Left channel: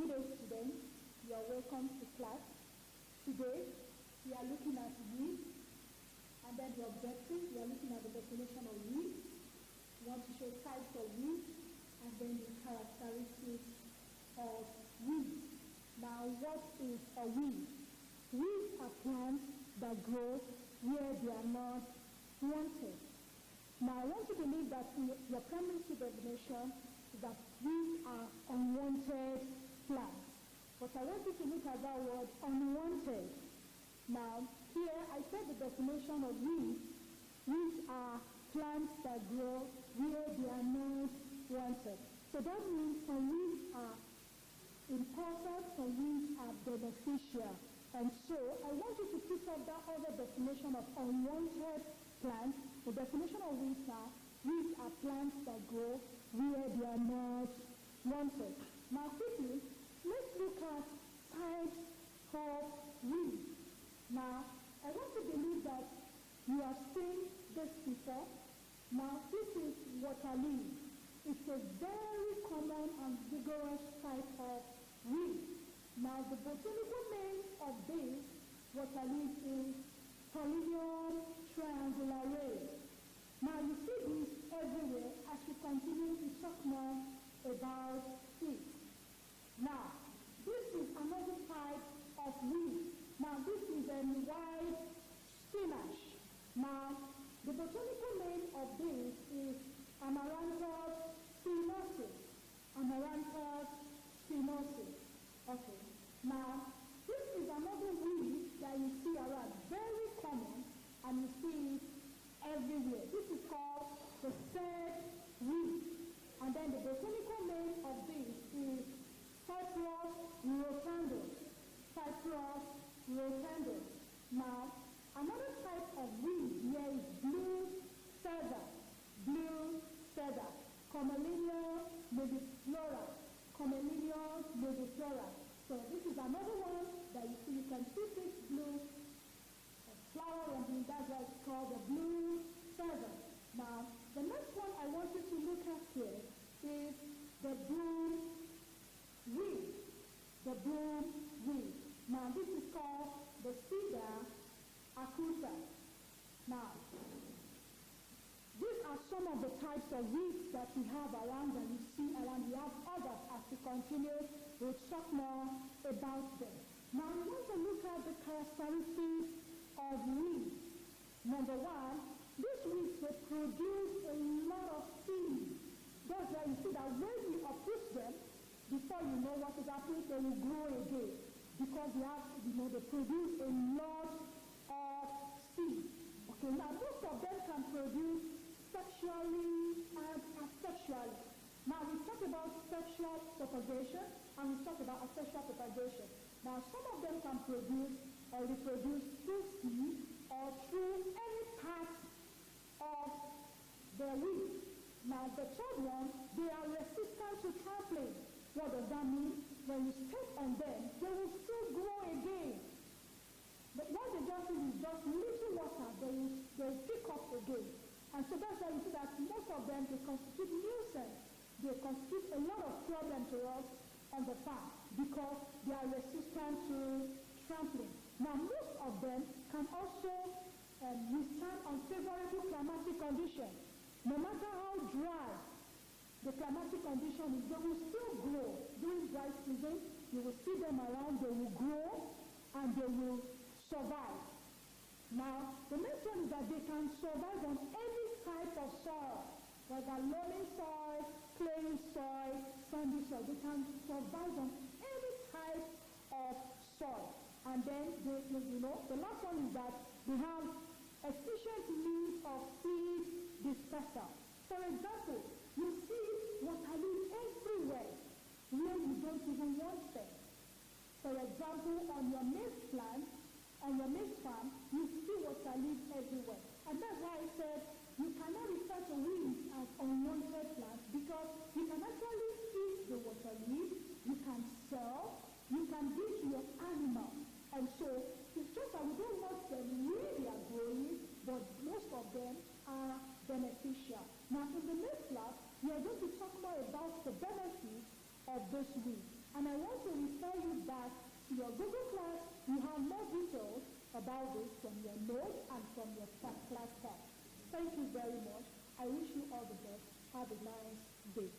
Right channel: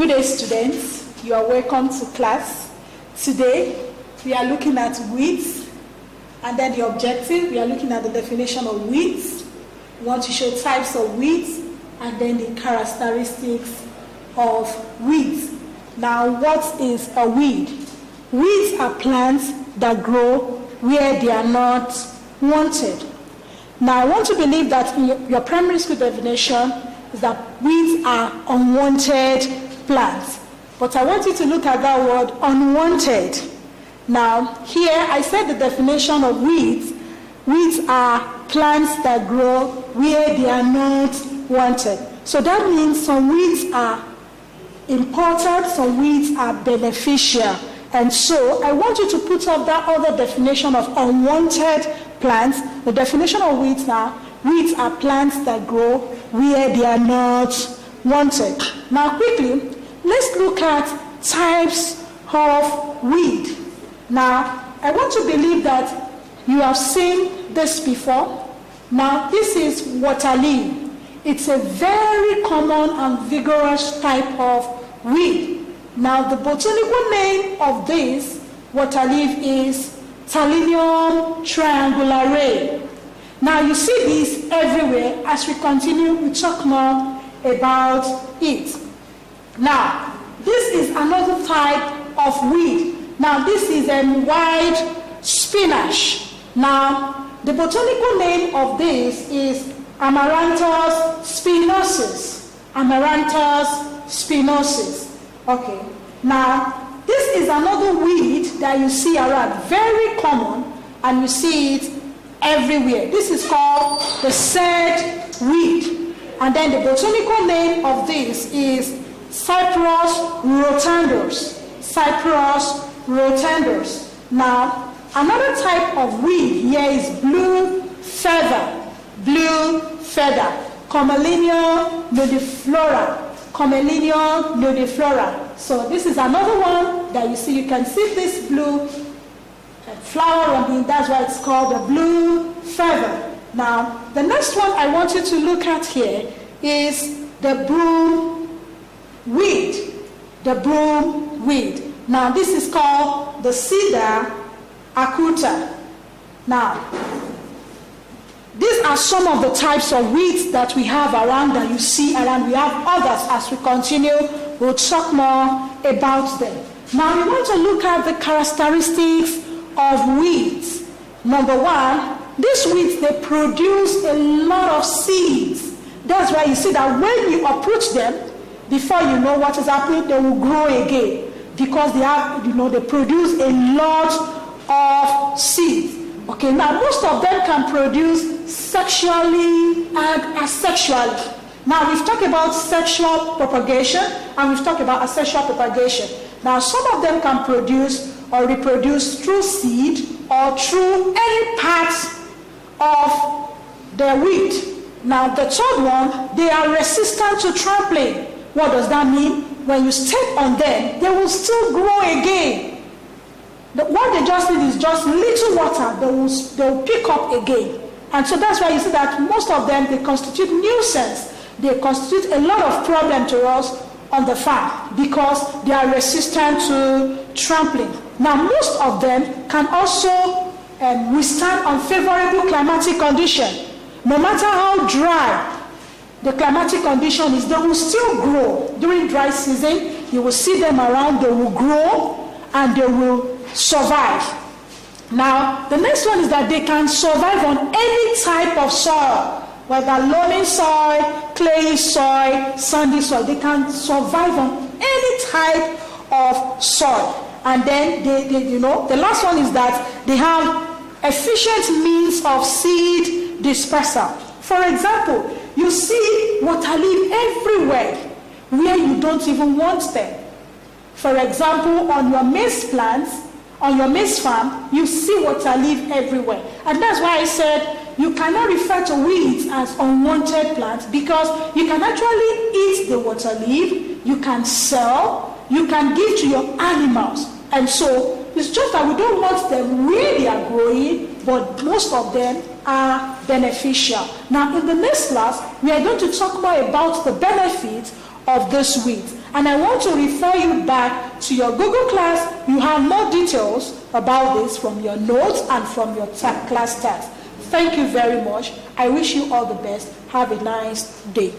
Good day, students. You are welcome to class. Today, we are looking at weeds, and then the objective, we are looking at the definition of weeds. We want to show types of weeds, and then the characteristics of weeds. Now, what is a weed? Weeds are plants that grow where they are not wanted. Now, I want to believe that in your primary school definition is that weeds are unwanted plants. But I want you to look at that word, unwanted. Now, here I said the definition of weeds. Weeds are plants that grow where they are not wanted. So that means some weeds are important, some weeds are beneficial. And so I want you to put up that other definition of unwanted plants. The definition of weeds now, weeds are plants that grow where they are not wanted. Now quickly, let's look at types of weed. Now, I want to believe that you have seen this before. Now, this is water leaf. It's a very common and vigorous type of weed. Now, the botanical name of this water leaf is Thalinium triangulare. Now, you see this everywhere. As we continue, we talk more about it. Now, this is another type of weed. Now, this is a white spinach. Now, the botanical name of this is Amaranthus spinosus. Amaranthus spinosus. Okay. Now, this is another weed that you see around, very common, and you see it everywhere. This is called the said weed. And then the botanical name of this is Cyprus rotundus. Cyprus rotundus. Now, another type of weed here is blue feather. Blue feather. Commelinea nudiflora. Commelinea nudiflora. So this is another one that you see. You can see this blue flower on it. That's why it's called the blue feather. Now, the next one I want you to look at here is the broom weed. The broom weed. Now, this is called the cedar acuta. Now, these are some of the types of weeds that we have around, that you see around. We have others. As we continue, we'll talk more about them. Now, we want to look at the characteristics of weeds. Number one, these weeds, they produce a lot of seeds. That's why you see that when you approach them, before you know what is happening, they will grow again, because they have, they produce a lot of seeds. Okay, now most of them can produce sexually and asexually. Now we've talked about sexual propagation and we've talked about asexual propagation. Now some of them can produce or reproduce through seed or through any part of the weed. Now the third one, they are resistant to trampling. What does that mean? When you step on them, they will still grow again. What they just need is just little water. They will pick up again. And so that's why you see that most of them, they constitute nuisance. They constitute a lot of problem to us on the farm because they are resistant to trampling. Now, most of them can also withstand unfavorable climatic condition. No matter how dry the climatic condition is, they will still grow. During dry season, you will see them around, they will grow and they will survive. Now, the next one is that they can survive on any type of soil, whether loamy soil, clayey soil, sandy soil. They can survive on any type of soil. And then, the last one is that they have efficient means of seed dispersal. For example, you see water leaf everywhere where you don't even want them. For example, on your maize plants, on your maize farm, you see water leaf everywhere. And that's why I said you cannot refer to weeds as unwanted plants, because you can actually eat the water leaf, you can sell, you can give to your animals. And so it's just that we don't want them where they are growing, but most of them are beneficial. Now, in the next class, we are going to talk more about the benefits of this weeds. And I want to refer you back to your Google class. You have more details about this from your notes and from your class text. Thank you very much. I wish you all the best. Have a nice day.